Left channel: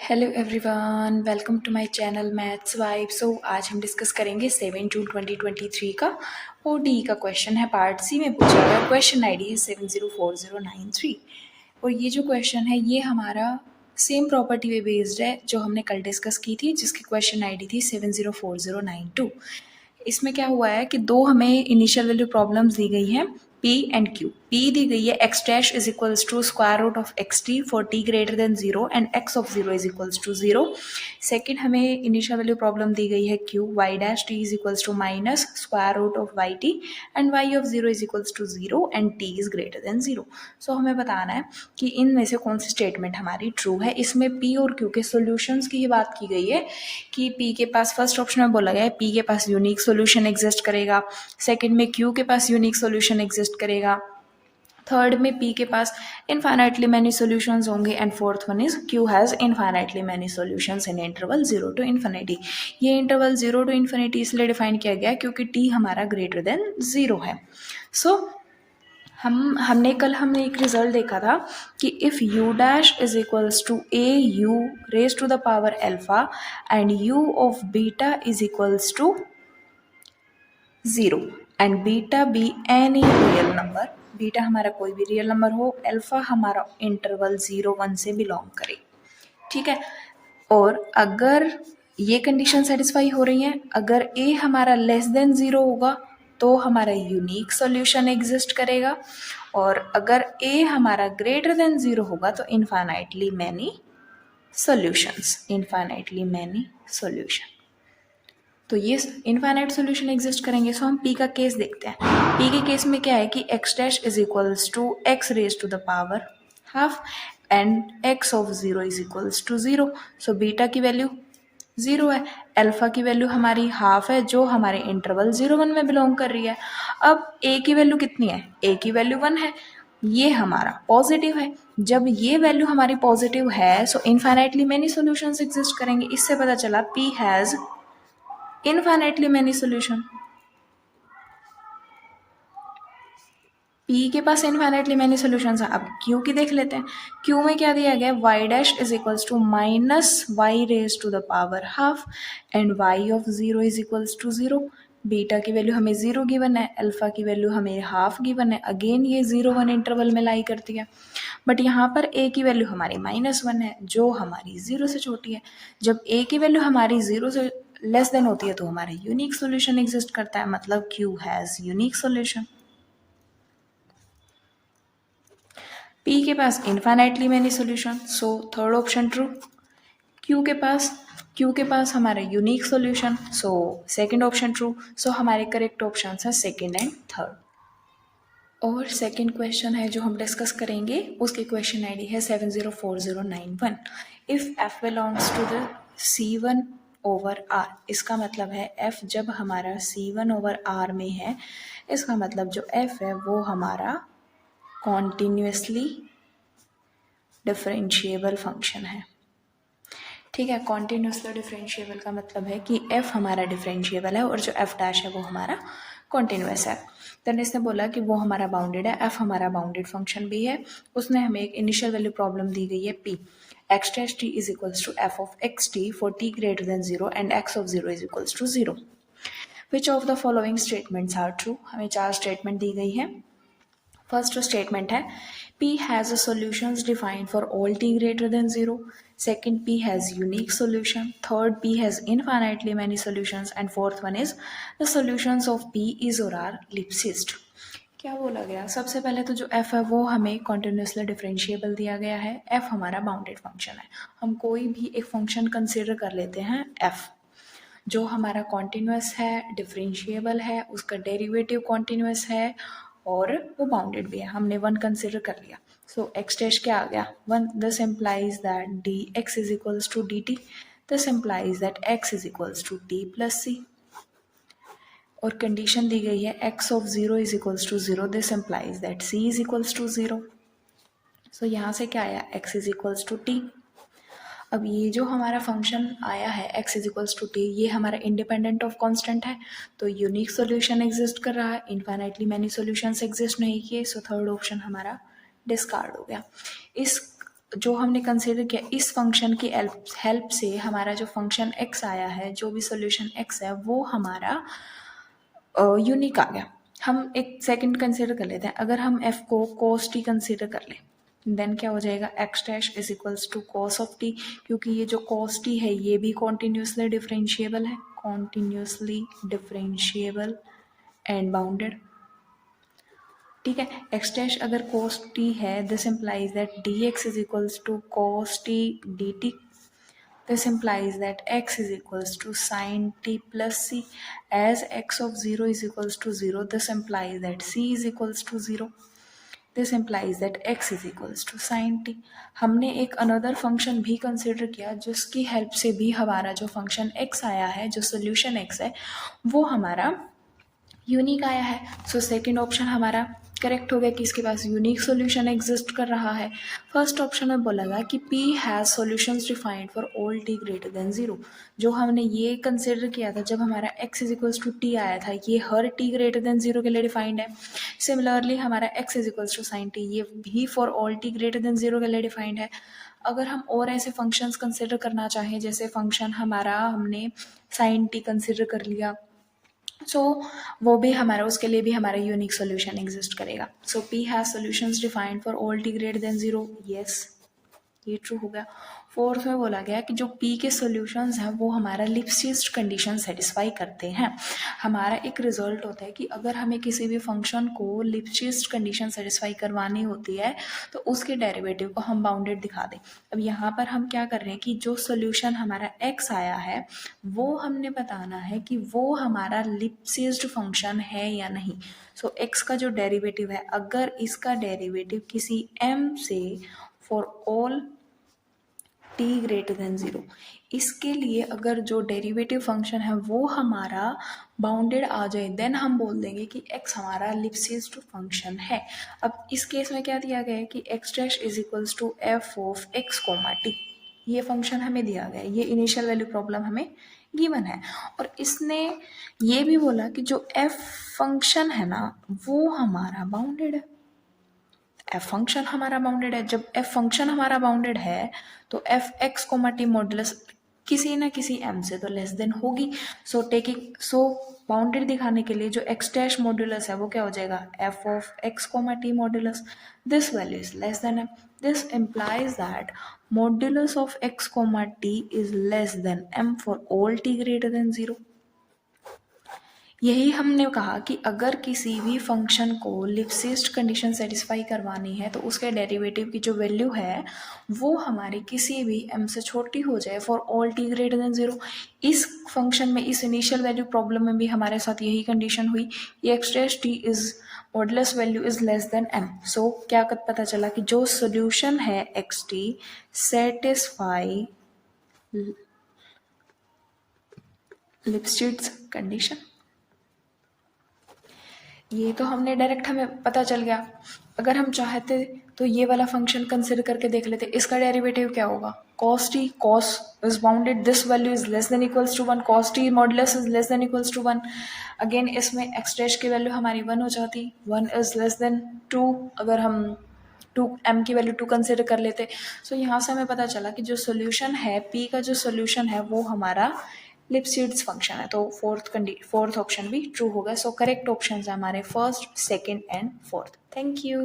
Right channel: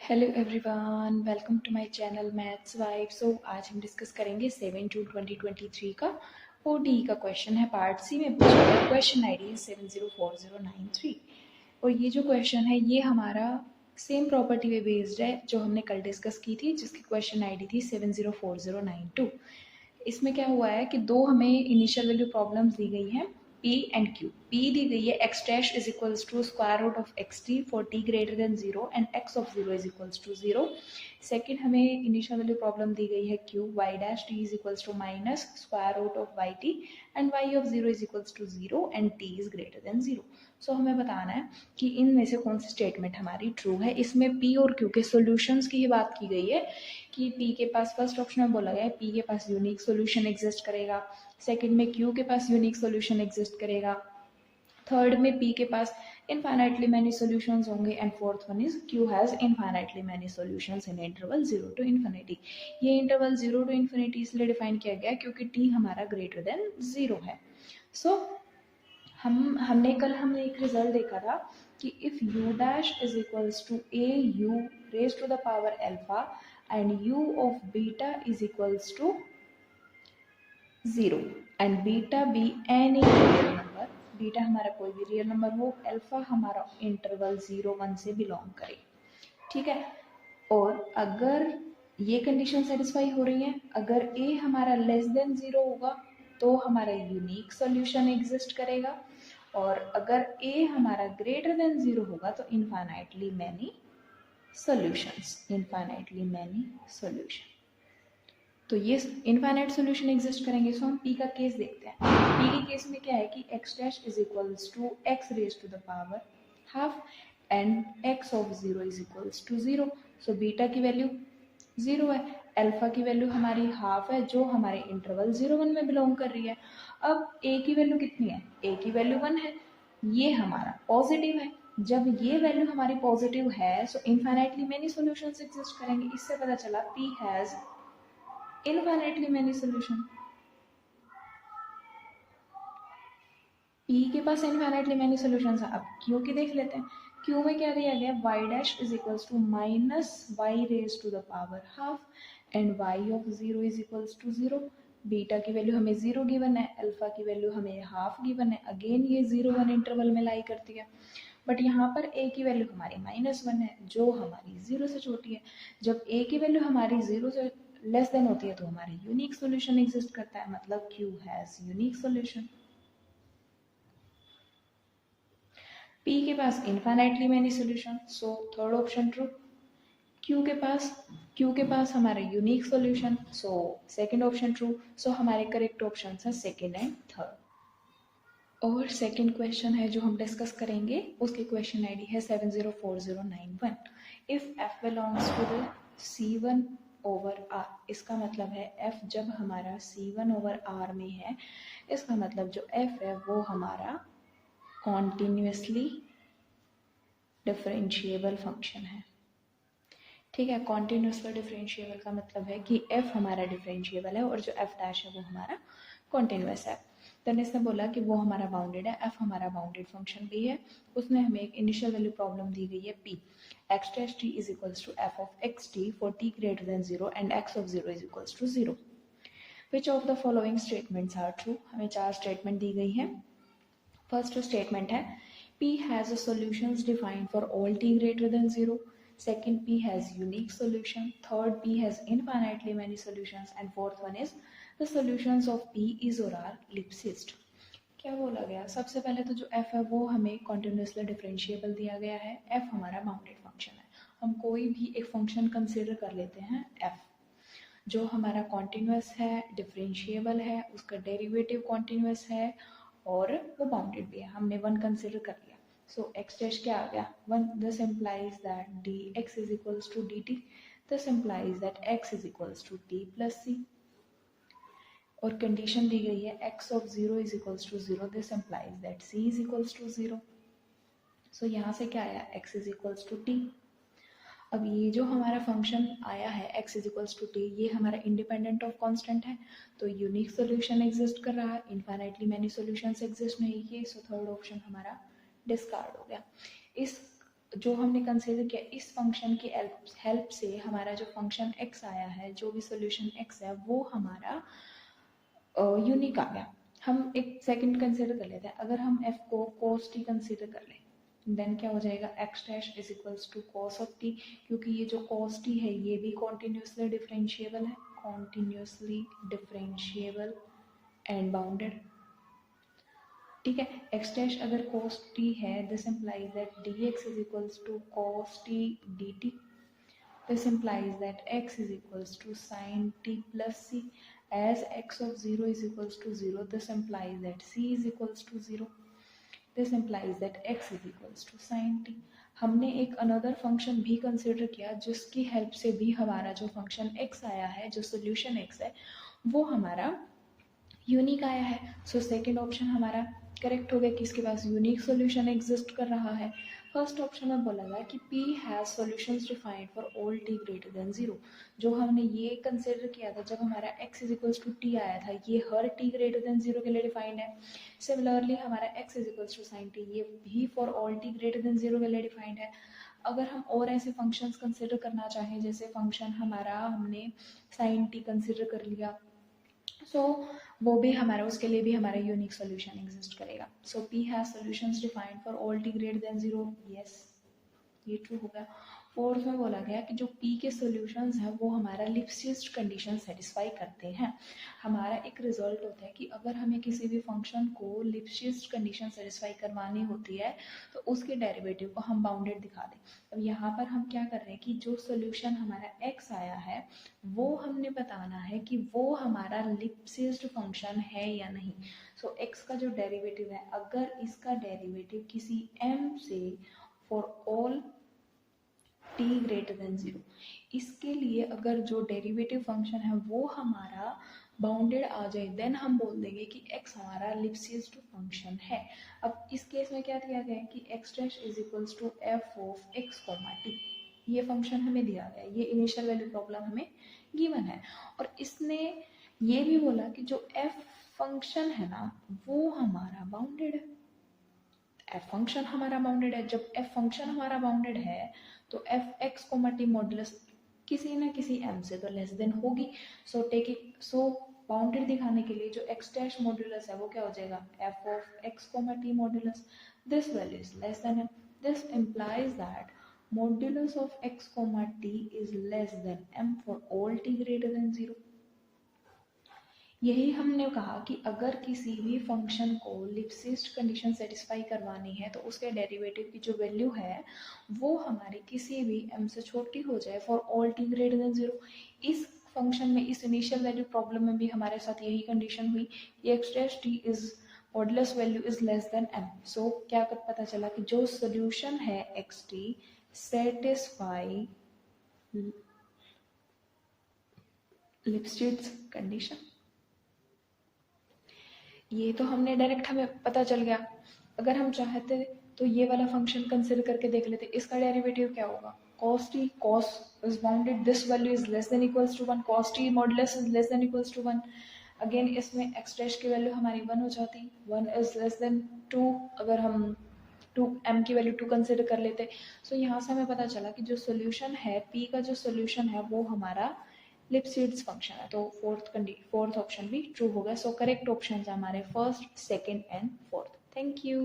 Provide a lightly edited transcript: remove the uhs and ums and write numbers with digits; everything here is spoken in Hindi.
Hello everyone, welcome to my channel maths vibe. So आज हम डिस्कस करेंगे 7 जून 2023 का ओडी का क्वेश्चन है। पार्ट सी में पूछा गया। क्वेश्चन आईडी है 704093 और ये जो क्वेश्चन है ये हमारा सेम प्रॉपर्टी पे बेस्ड है जो हमने कल डिस्कस की थी, जिसकी क्वेश्चन आईडी थी 704092। इसमें क्या हुआ है कि दो हमें इनिशियल वैल्यू प्रॉब्लम्स दी गई हैं, P एंड Q। P दी गई है x dash is equals to square root of x t for t greater than 0 and x of 0 is equals to 0। Second हमें इनिशियल वैल्यू प्रॉब्लम दी गई है Q, y dash t is equals to minus square root of y t and y of 0 is equals to 0 and t is greater than 0। So हमें बताना है कि इनमें से कौन सी स्टेटमेंट हमारी ट्रू है। इसमें P और Q के सॉल्यूशंस की ही बात की गई है कि P के पास फर्स्ट ऑप्शन में बोला गया है P के पास यूनिक सॉल्यूशन एग्जिस्ट करेगा, सेकंड में Q के पास यूनिक सॉल्यूशन एग्जिस्ट करेगा, थर्ड में P के पास इनफाइनाइटली मैनी सॉल्यूशंस होंगे and fourth one is Q has infinitely many solutions in interval 0 to infinity. ये इंटरवल 0 टू इन्फिनिटी इसलिए डिफाइन किया गया क्योंकि T हमारा ग्रेटर देन 0 है। सो हमने एक रिजल्ट देखा था कि if u dash is equals to a u raise to the power alpha and u of beta is equals to 0 and beta be any real number, beta हमारा कोई भी रियल नंबर हो, अल्फा हमारा इंटरवल 0-1 से बिलोंग करे। ठीक है, और अगर ये कंडीशन सेटिस्फाई हो रही है, अगर a हमारा लेस देन 0 होगा तो हमारा यूनिक सॉल्यूशन एग्जिस्ट करेगा, और अगर a हमारा ग्रेटर देन 0 होगा तो इनफाइनाइटली मैनी सॉल्यूशन। तो ये इनफाइनाइट सॉल्यूशन एग्जिस्ट करेंगे। सो हम P का केस देखते हैं। P के केस में क्या है कि x dash is equals to x raise to the power half and x of 0 is equals to 0। So beta की वैल्यू 0 है, अल्फा की वैल्यू हमारी हाफ है जो हमारे इंटरवल 0-1 में बिलोंग कर रही है। अब a की वैल्यू कितनी है? a की वैल्यू 1 है, ये हमारा पॉजिटिव है। जब ये वैल्यू हमारी पॉजिटिव है सो इनफाइनाइटली मैनी सॉल्यूशंस एग्जिस्ट करेंगे। इससे पता चला P has infinitely many solution. P के पास इनफाइनाइटली मैनी सॉल्यूशंस हैं। अब Q की देख लेते हैं। Q में क्या दिया गया है? y dash is equals to minus Y raise to the power half and y of 0 is equals to 0। Beta की वैल्यू हमें 0 गिवन है, अल्फा की वैल्यू हमें हाफ गिवन है। अगेन ये 0-1 इंटरवल में लाई करती है, बट यहाँ पर a की वैल्यू हमारी -1 है जो हमारी 0 से छोटी है। जब a की वैल्यू हमारी 0 से लेस देन होती है तो हमारा यूनिक सॉल्यूशन एग्जिस्ट करता है, मतलब Q has unique solution. P के पास infinitely many solution, so third option true. Q के पास हमारा unique solution, so second option true. So हमारे करेक्ट ऑप्शन हैं सेकंड एंड थर्ड। और सेकंड क्वेश्चन है जो हम डिस्कस करेंगे, उसकी क्वेश्चन आईडी है 704091। If f belongs to the C1 over R, इसका मतलब है f जब हमारा C1 ओवर R में है, इसका मतलब जो f है वो हमारा कॉन्टिन्यूसली डिफरेंशिएबल फंक्शन है। ठीक है, कॉन्टिन्यूसली डिफरेंशिएबल का मतलब है कि f हमारा डिफरेंशिएबल है और जो f डैश है वो हमारा कॉन्टिन्यूस है। देन इसने बोला कि वो हमारा बाउंडेड है, f हमारा बाउंडेड फंक्शन भी है। उसने हमें एक इनिशियल वैल्यू प्रॉब्लम दी गई है p, x dash t is equals to f of x t for t greater than 0 and x of 0 is equals to 0। Which of the following statements are true? हमें 4 स्टेटमेंट दी गई है। फर्स्ट स्टेटमेंट है P has a solutions defined for all t greater than 0. Second, P has unique solution. Third, P has infinitely many solutions. And fourth one is the solutions of P is or are ellipsist. क्या बोला गया? सबसे पहले तो जो f है वो हमें कॉन्टिन्यूसली डिफरेंशिएबल दिया गया है। f हमारा बाउंडेड फंक्शन है। हम कोई भी एक फंक्शन कंसिडर कर लेते हैं f जो हमारा कॉन्टिन्यूस है, डिफरेंशिएबल है, उसका डेरिवेटिव कॉन्टिन्यूस है और वो बाउंडेड भी है। हमने 1 कंसिडर कर लिया, सो x डैश क्या आ गया? 1। This implies that dx is equals to dt। This implies that x is equals to t plus c। और कंडीशन दी गई है x of 0 is equals to 0। This implies that c is equals to 0। So यहाँ से क्या आया? x is equals to t। अब ये जो हमारा फंक्शन आया है x is equals to T, ये हमारा इंडिपेंडेंट ऑफ कांस्टेंट है, तो यूनिक सॉल्यूशन एग्जिस्ट कर रहा है, इनफाइनाइटली मैनी सॉल्यूशंस एग्जिस्ट नहीं किए। सो थर्ड ऑप्शन हमारा डिस्कार्ड हो गया। इस जो हमने कंसिडर किया इस फंक्शन की हेल्प से हमारा जो फंक्शन x आया है, जो भी सोल्यूशन x है वो हमारा यूनिक आ गया। हम एक सेकंड कंसिडर कर लेते हैं, अगर हम f को cos t कंसिडर कर लें देन क्या हो जाएगा, x dash is equals to cos of t, क्योंकि ये जो cos t है ये भी कॉन्टिन्यूसली डिफरेंशिएबल है, कॉन्टिन्यूसली डिफरेंशिएबल एंड बाउंडेड। ठीक है, x डैश अगर cos t है this implies that dx is equals to cos t dt। This implies that x is equals to sin t plus c. As x of 0 is equals to 0, this implies that c is equals to 0. This implies that x is equals to sin t. हमने एक अनदर फंक्शन भी कंसिडर किया जिसकी हेल्प से भी हमारा जो फंक्शन x आया है, जो सोल्यूशन x है वो हमारा यूनिक आया है। सो सेकंड ऑप्शन हमारा करेक्ट हो गया कि इसके पास यूनिक सॉल्यूशन एग्जिस्ट कर रहा है। फर्स्ट ऑप्शन में बोला था कि P has solutions defined for all t greater than 0। जो हमने ये कंसिडर किया था जब हमारा x is equals to t आया था, ये हर t ग्रेटर देन 0 के लिए डिफाइंड है। सिमिलरली हमारा x is equals to sine t, ये भी for all t greater than 0 के लिए डिफाइंड है। अगर हम और ऐसे फंक्शंस कंसिडर करना चाहें, जैसे फंक्शन हमारा हमने साइन t कंसिडर कर लिया, सो वो भी हमारा, उसके लिए भी हमारा यूनिक सोल्यूशन एग्जिस्ट करेगा। सो P has solutions defined for all t greater than 0, yes ये ट्रू हो गया। फोर्थ में बोला गया कि जो P के सॉल्यूशंस हैं वो हमारा लिप्सिस कंडीशन सेटिस्फाई करते हैं। हमारा एक रिजल्ट होता है कि अगर हमें किसी भी फंक्शन को लिप्सिस कंडीशन सेटिस्फाई करवानी होती है तो उसके डेरिवेटिव को हम बाउंडेड दिखा दें। अब यहाँ पर हम क्या कर रहे हैं कि जो सॉल्यूशन हमारा x आया है वो हमने बताना है कि वो हमारा लिप्सिस्ड फंक्शन है या नहीं। सो x का जो डेरिवेटिव है, अगर इसका डेरिवेटिव किसी m से for all t greater than 0, इसके लिए अगर जो डेरिवेटिव फंक्शन है वो हमारा बाउंडेड आ जाए देन हम बोल देंगे कि x हमारा लिप्सिस्ड फंक्शन है। अब इस केस में क्या दिया गया है कि x dash is equals to f of x comma t, ये फंक्शन हमें दिया गया है, ये इनिशियल वैल्यू प्रॉब्लम हमें गिवन है। और इसने ये भी बोला कि जो f फंक्शन है ना वो हमारा बाउंडेड है, एफ फंक्शन हमारा बाउंडेड है। जब एफ फंक्शन हमारा बाउंडेड है तो F X comma T modulus किसी ना किसी एम से तो लेस देन होगी। सो बाउंडेड दिखाने के लिए जो एक्स डैश मॉडुलस है वो क्या हो जाएगा, F of X comma T modulus this value is less than M. This implies that modulus of X comma T is less than M for all T greater than 0। यही हमने कहा कि अगर किसी भी फंक्शन को लिप्सिस्ड कंडीशन सेटिस्फाई करवानी है तो उसके डेरिवेटिव की जो वैल्यू है वो हमारी किसी भी m से छोटी हो जाए for all t greater than 0। इस फंक्शन में, इस इनिशियल वैल्यू प्रॉब्लम में भी हमारे साथ यही कंडीशन हुई, ये x dash T is modulus value is less then m। सो क्या पता चला कि जो सोल्यूशन है एक्स टी सेटिस्फाई लिप्सिस्ड कंडीशन। ये तो हमने डायरेक्ट, हमें पता चल गया। अगर हम चाहते तो ये वाला फंक्शन कंसिडर करके देख लेते, इसका डेरिवेटिव क्या होगा, cos t, cos is bounded, this value is less than equals to 1, cos t modulus is less than equals to 1। Again इसमें x डैश की वैल्यू हमारी 1 हो जाती, 1 is less than 2, अगर हम 2 m की वैल्यू 2 कंसिडर कर लेते। सो यहाँ से हमें पता चला कि जो सोल्यूशन है p का, जो सोल्यूशन है वो हमारा लिप्सिड्स फंक्शन है। तो फोर्थ ऑप्शन भी ट्रू होगा। सो करेक्ट ऑप्शन है हमारे first, second and fourth. Thank you.